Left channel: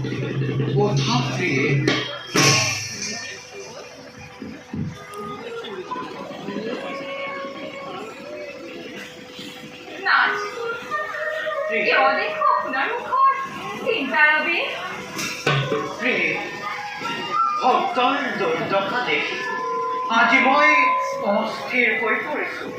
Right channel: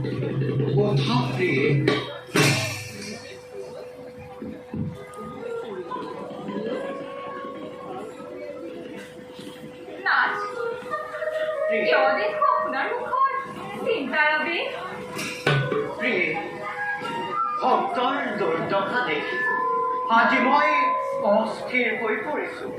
কোথা প্ৰিয়ে ভক্তৰ দুৰ্দশা দেখি আজি মই অস্থিৰ হৈ পৰিছোঁ।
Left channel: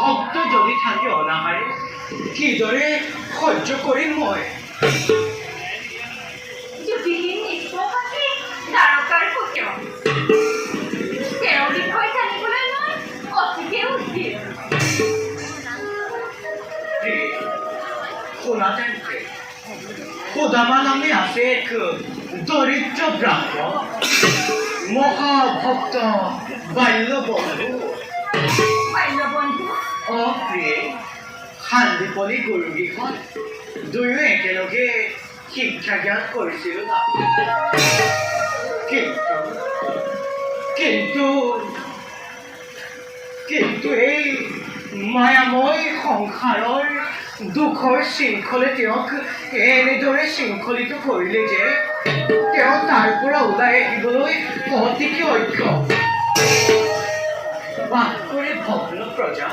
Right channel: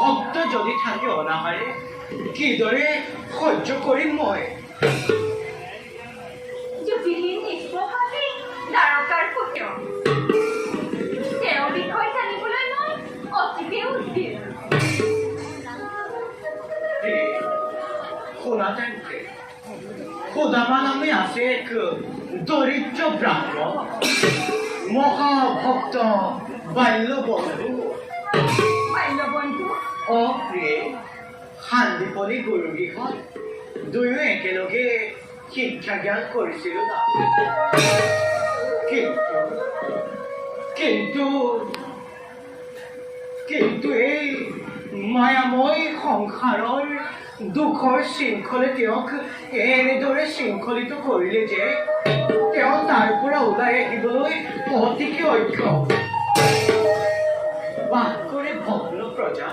ভক্ত যদি থাকে অনাহাৰে কিদৰে সহ্য কৰিম মই? সুদামা নামে আছে এক দৰিদ্ৰ ব্ৰাহ্মণ মহাভক্ত বাল্যবন্ধু। অপ্ৰিয়ে শান্তিপলী গুৰুগীখন দুয়ো একেলগে শিক্ষা জ্ঞান কৰিছিলোঁ। কিন্তু এই মায়াময় সংসাৰৰ দুখৰ শৃংখলে তেওঁক এনেদৰে শৃংখলিত কৰিলে যে তেওঁ তাৰ পৰা ওলাই আহিবলৈ অতিকে অক্ষম। বাস কৰে ভগ্ন প্ৰজা,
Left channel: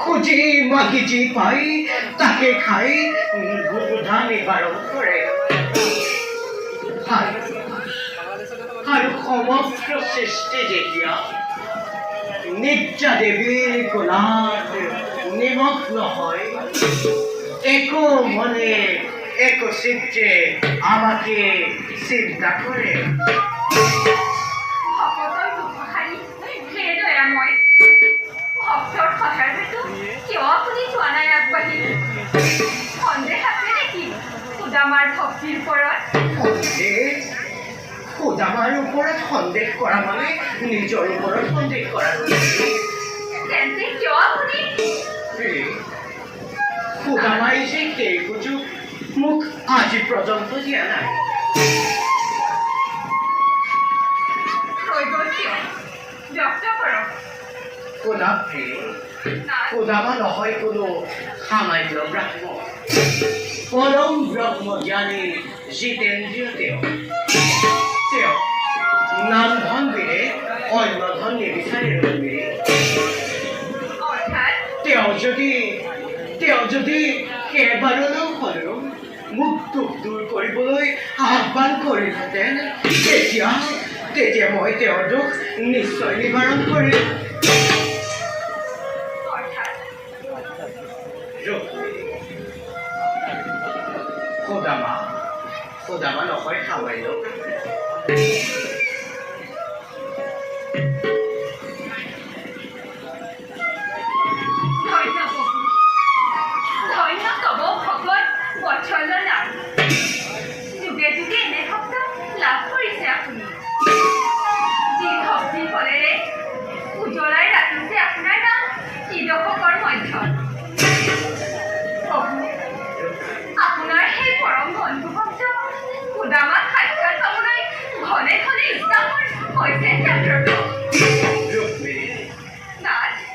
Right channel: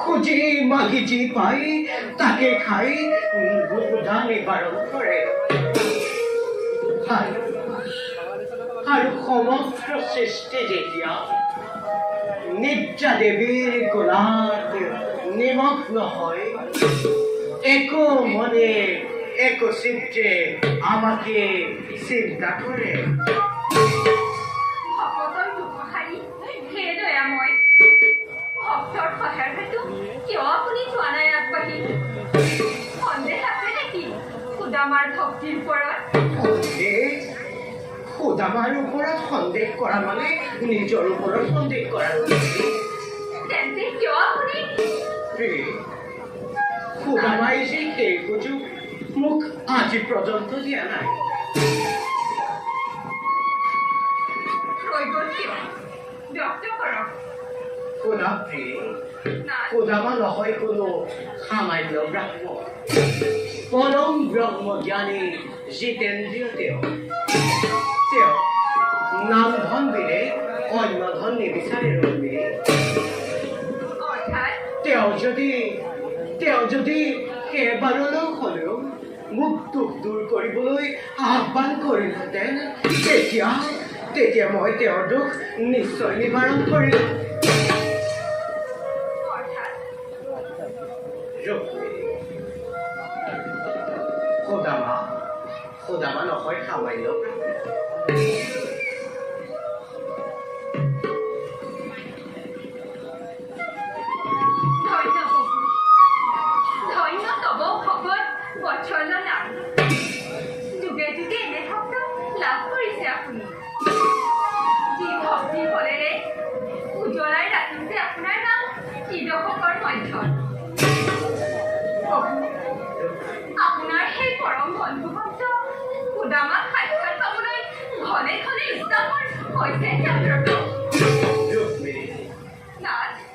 খুজি মাগি যি পাই তাকে খাই বুধা নিবাৰণ কৰে। আৰু সমগ্ৰ সৃষ্টি যেতিয়া নিদ্ৰা দেৱীৰ কোলাত নিমগ্ন হয়, একো মনে একো চিত্তে আমাকে চিন্তা কৰে। সুদামাৰ ওপৰত সন্দেহ কৰা মানে নিজৰ ওপৰত সন্দেহ কৰা। সুদামাই যে সেই সুযোগ মোক আজি পৰ্যন্ত দিয়া নাই। সুদামা নহয় কোনো সামান্য ব্ৰাহ্মণ, পৰম ব্ৰহ্মজ্ঞানী জিতেন্দ্ৰীয় তেওঁ। নাম ধন দিলে অন্য ধন নিবিচাৰে। তেওঁ যদি কেইবাৰলৈ হ'লেও মোক দুখ দূৰ কৰিবলৈ আহ্বান কৰিলেহেঁতেন, তেতিয়া মই তেওঁৰ দুখ নিশ্চয় নিবাৰণ কৰিম। সুদামা নহয় সামান্য।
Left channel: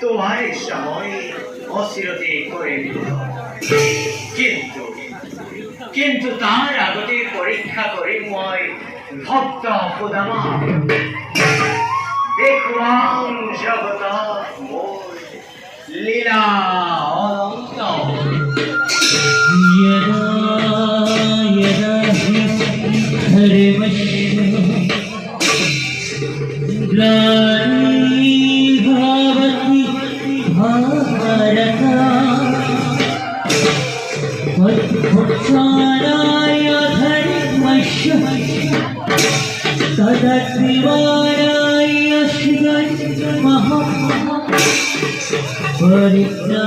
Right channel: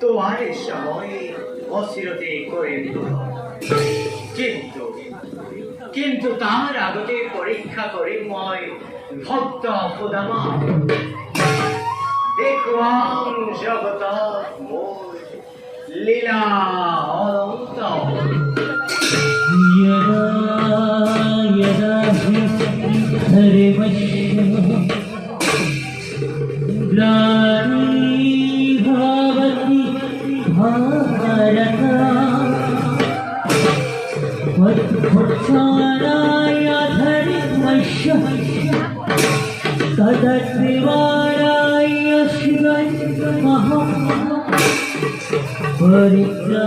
তোমাৰ সময় অচিৰতে কৰে কিন্তু তাৰ আগতে পৰীক্ষা কৰি মই ভক্ত সুদামা। দেখুৱাম জগত মোৰ লীলা অনন্ত।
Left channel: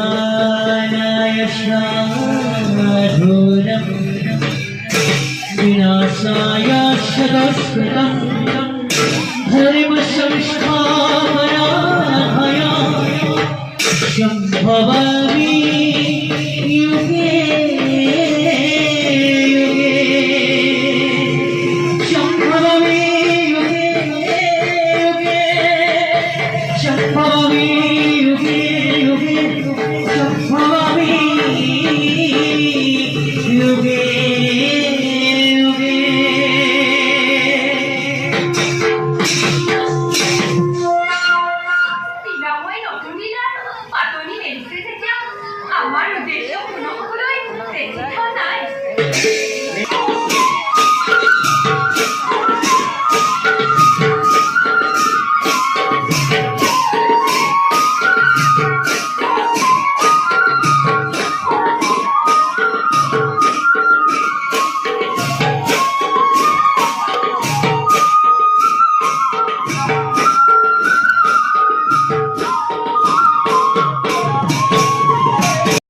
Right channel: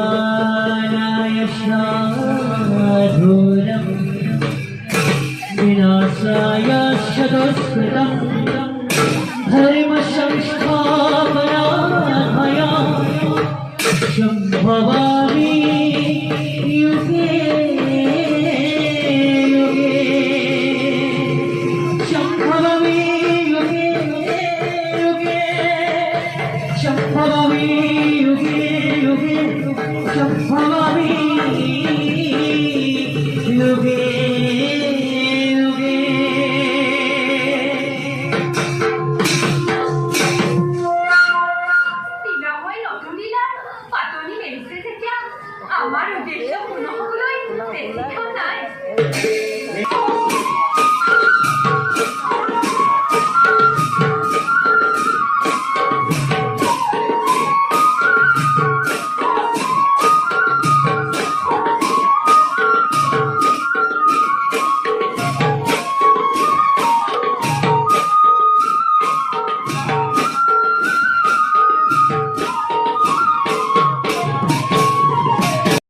परित्राणाय साधूनं विनाशाय सदस्कृतं धर्मसंस्थापनार्थाय सम्भवामि युगे युगे। উদ্দেশ্য পূৰ্ণ হ'বলৈ চিন্তা নাই